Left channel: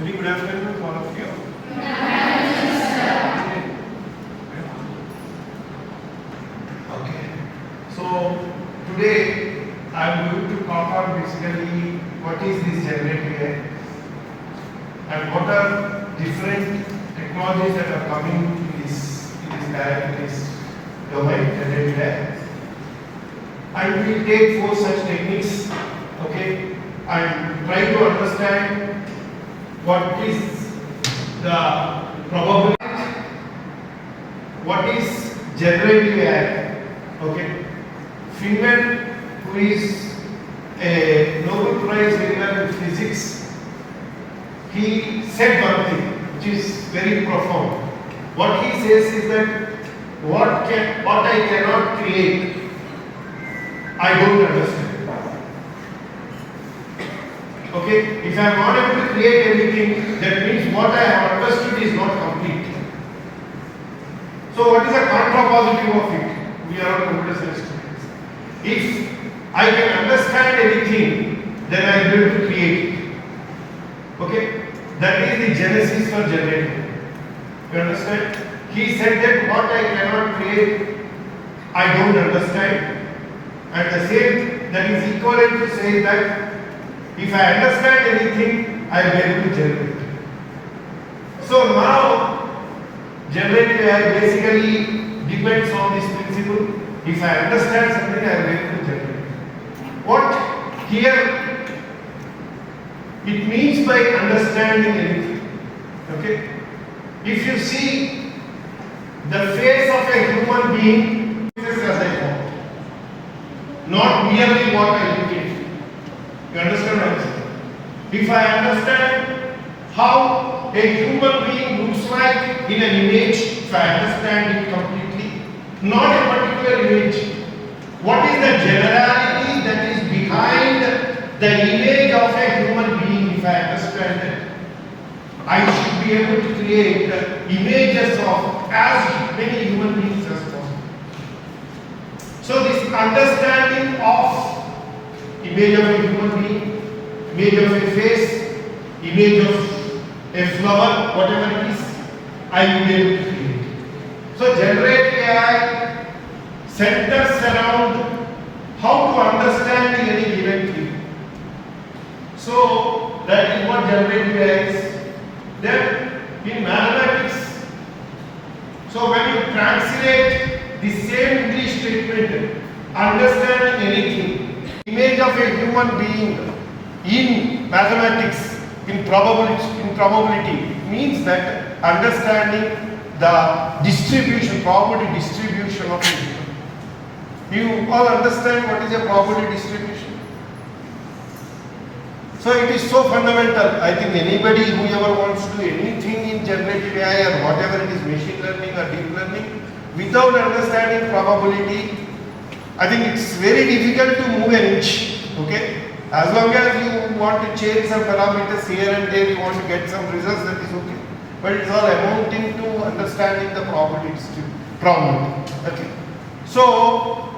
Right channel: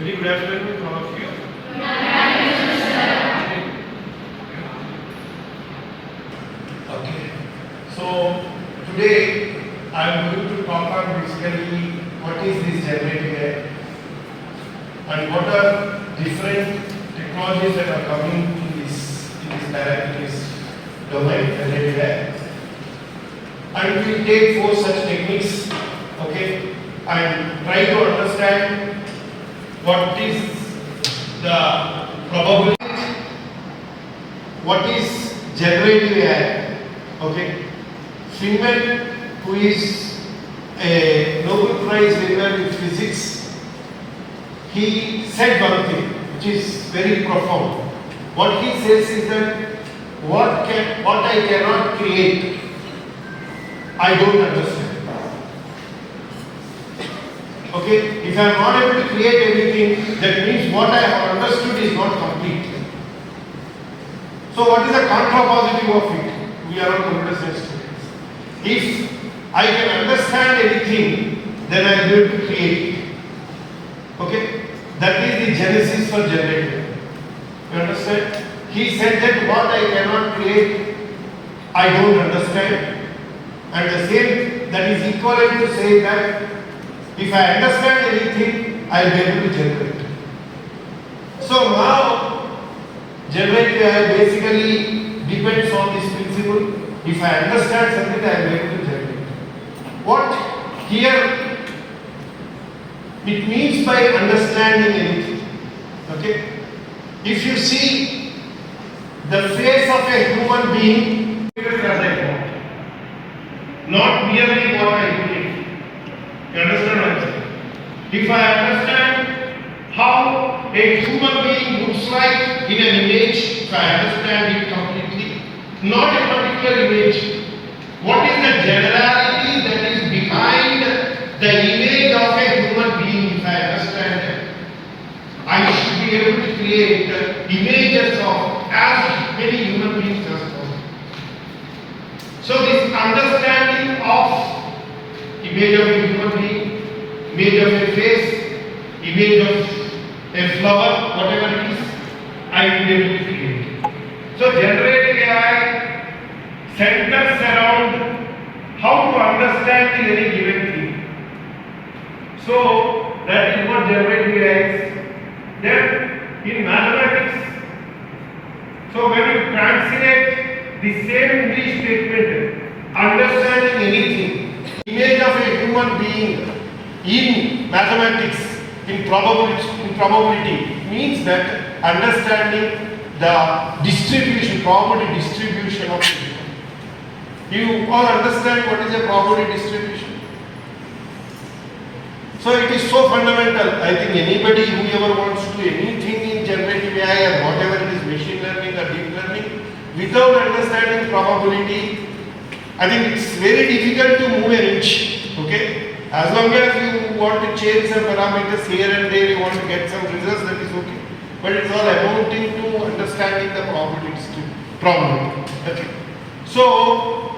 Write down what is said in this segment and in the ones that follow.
Very good afternoon to all of you. Okay. So today I am going to talk about basically what is this generative AI and what are different technologies that are coming in this domain, generative AI. And we will take 4 such techniques, okay, and try to understand what is the probability, what is generative AI, okay. Freeman, who is a Nobel Prize winner in physics, he said one thing which is very profound. What he says is that what I cannot create, I don't understand. Okay, if I am not able to create anything, that means what I have understood is not complete. So what is the contrapositive of it? We are all computer science students. If I can understand anything, then I will be able to create it. Okay, that is the genesis for generative. You understand? He said that what I cannot create, I don't understand. And the same, that is equivalent to say that if I understand anything, I will be able to generate it. So now, generative AI basically depends on this principle. If I understand something, I will be able to generate it. What here it means by understanding anything, okay? If you see the face of a human being, as I want, not merely what I indicate. You understand what I'm saying? If I understand how a human being looks like in an image, if I understand it completely, not a particular image, what is the generality that is behind the image of a human being, if I understand it, I should be able to create images of as many human beings as possible. So this understanding of image of a human being, image of a face, image of a flower, whatever it is, I will be able to create. So generative AI centers around how to understand any given thing. So that is what generative AI is. Then in mathematics, so when you translate the same English statement, understanding anything, image of a human being in mathematics, in probability means that understanding the distribution, probability distribution of it. You all understand what is a probability distribution? So it is so fundamental. I think anybody who ever wants to do anything in generative AI or whatever it is, machine learning or deep learning, without understanding probability, I think it's very difficult to move an inch. Okay? As long as you want to change some parameters here and there, you want to get some results, that is okay. But it's all amounting to understanding the probability. Okay. So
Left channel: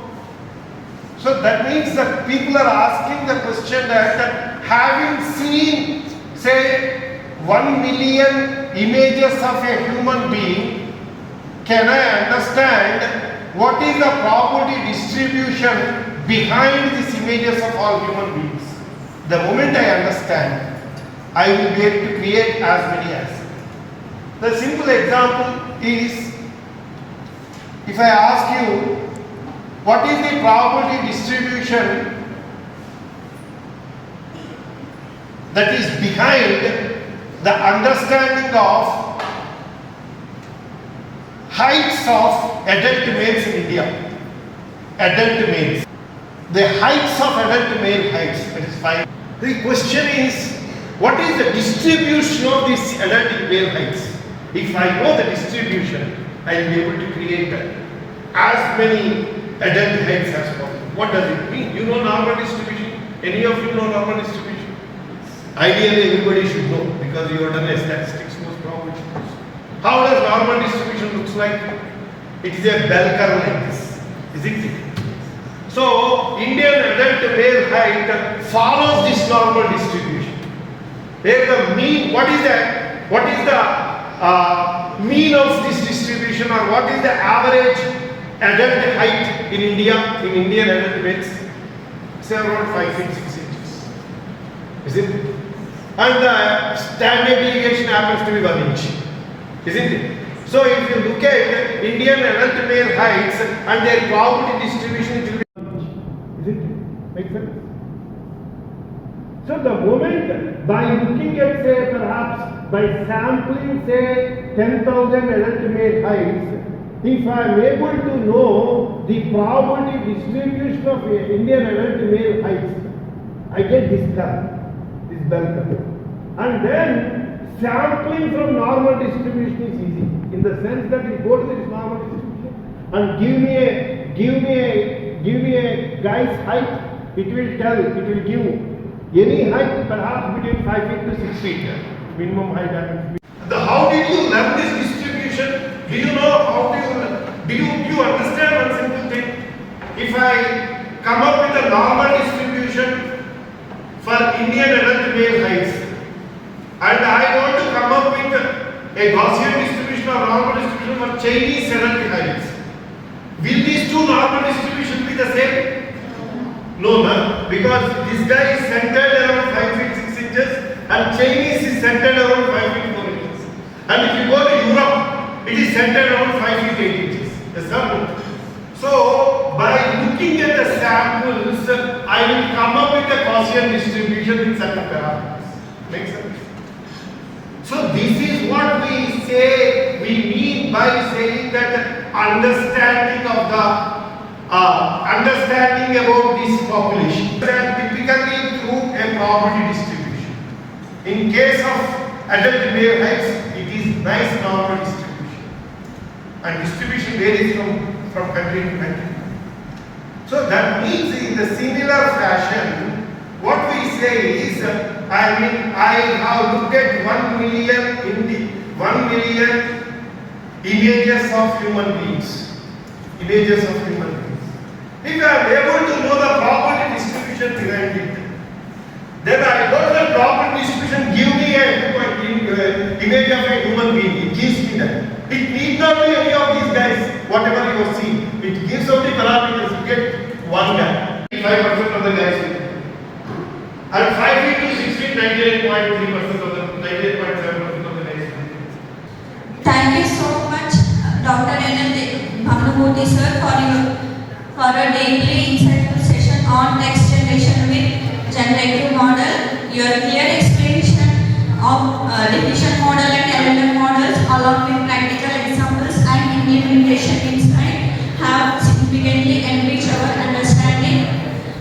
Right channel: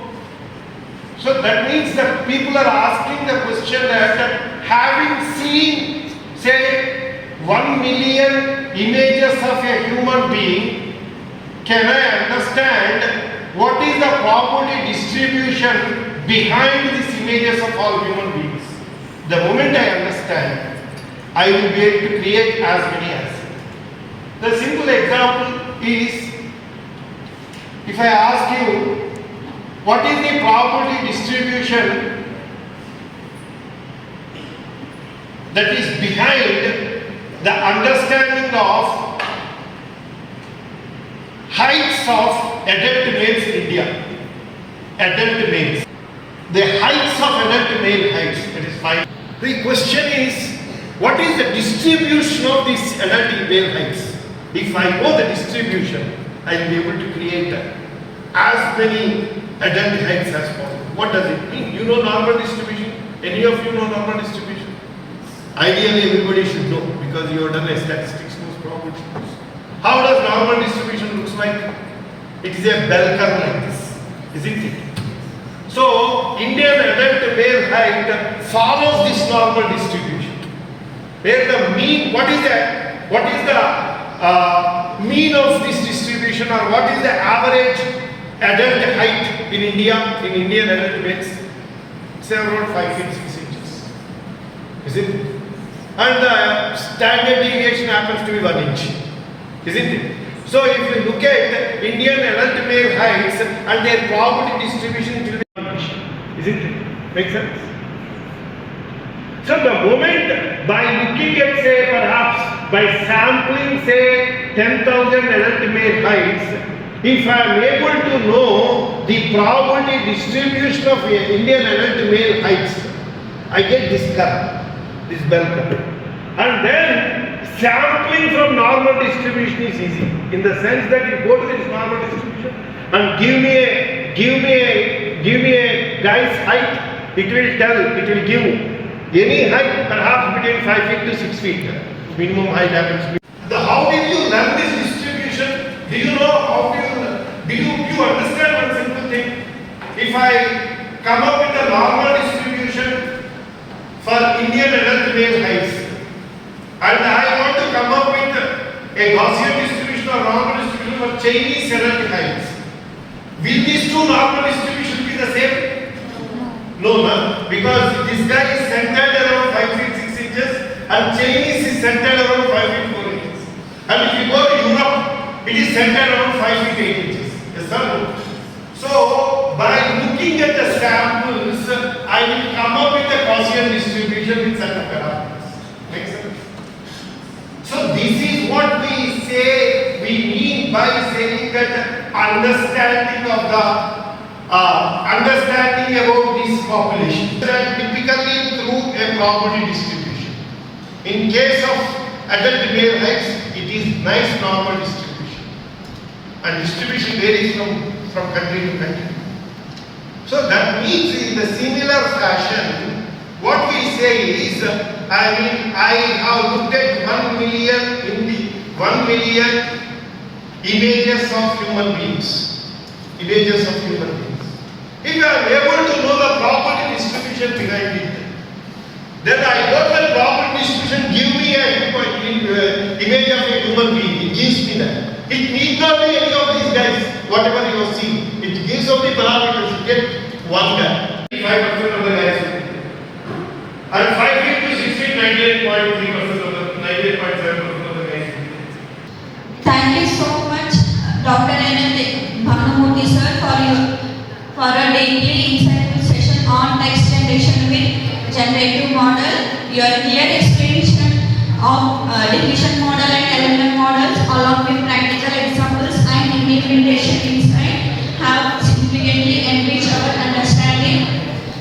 that means that people are asking the question that having seen, say, 1 million images of a human being, can I understand what is the probability distribution behind these images of all human beings? The moment I understand, I will be able to create as many as. The simple example is, if I ask you, what is the probability distribution that is behind the understanding of heights of adult males in India? Adult males. The heights of adult male heights, that is 5. The question is, what is the distribution of these adult male heights? If I know the distribution, I will be able to create as many adult heights as possible. What does it mean? You know normal distribution? Any of you know normal distribution? Ideally, everybody should know because you have done a statistics course probably. How does normal distribution looks like? It is a bell curve like this, isn't it? So, Indian adult male height follows this normal distribution. where the mean, what is the mean of this distribution, or what is the average adult height in India, in Indian adult males? Say around 5 feet 6 inches. Isn't it? And the standard deviation happens to be 1 inch. Isn't it? So if you look at Indian adult male heights and their probability distribution, it will be 1 inch. Isn't it? Make sense? So the moment by looking at, say, perhaps by sampling, say, 10,000 adult male heights, if I am able to know the probability distribution of Indian adult male heights, I get this curve, this bell curve. And then sampling from normal distribution is easy, in the sense that you go to this normal distribution and give me a guy's height, it will give any height, perhaps between 5 feet to 6 feet, minimum height happens to be. How did you learn this distribution? Do you know how do you understand one simple thing? If I come up with a normal distribution for Indian adult male heights, and I want to come up with a Gaussian distribution or normal distribution for Chinese adult heights, will these two normal distributions be the same? No, no, because this guy is centered around 5 feet 6 inches and Chinese is centered around 5 feet 4 inches. And if you go to Europe, it is centered around 5 feet 8 inches. Yes, sir? So, by looking at the samples, I will come up with a Gaussian distribution in certain parameters. Makes sense? So, this is what we say, we mean by saying that understanding of the understanding about this population, that typically through a probability distribution. In case of adult male heights, it is nice normal distribution, and distribution varies from country to country. So that means in the similar fashion, what we say is, I have looked at 1 million images of human beings. Images of human beings. If I am able to know the property distribution behind it, then I got the property distribution, give me an image of a human being. It gives me that. It need not be any of these guys, whatever you have seen. It gives only parameters. You get one guy. 5% of the guys. And 5 feet to 6 feet, 98.3% of the 98.7% of the guys. Thank you so much, Dr. Bhavanamurthy sir, for a deeply insightful session on text generation with generative model. Your clear explanation of diffusion model and LLM models along with practical examples and implementation insight have significantly enriched our understanding.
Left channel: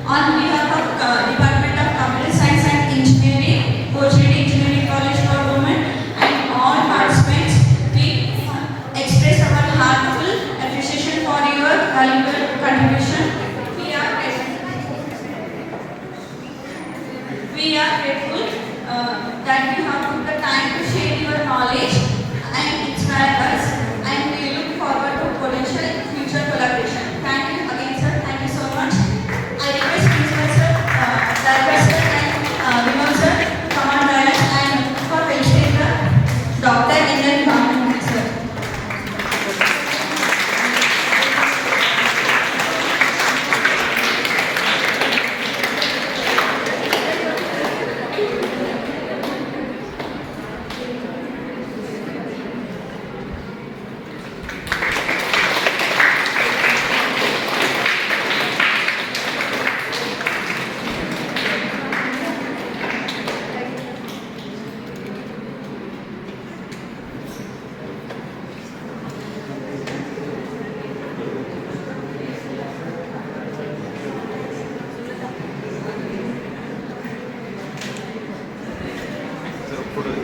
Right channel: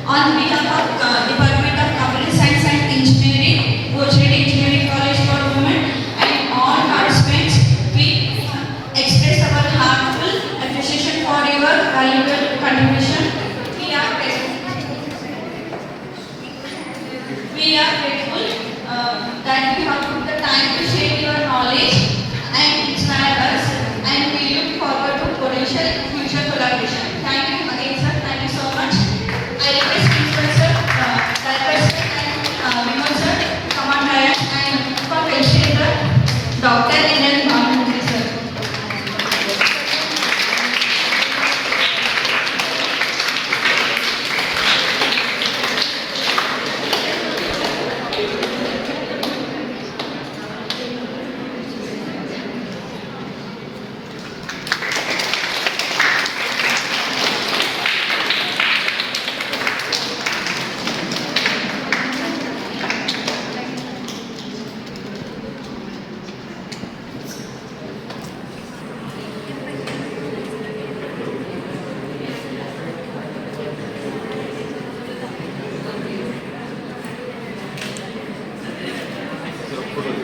On behalf of Department of Computer Science and Engineering, Coaching Engineering College for Women, and all participants, we express our heartfelt appreciation for your valuable contribution. We are grateful that you have put the time to share your knowledge and inspire us, and we look forward to potential future collaboration. Thank you again, sir. Thank you so much. I request Principal sir, Director sir, and Vinod sir, Command Director, and for finishing the Dr. Bhavanamurthy sir. Photo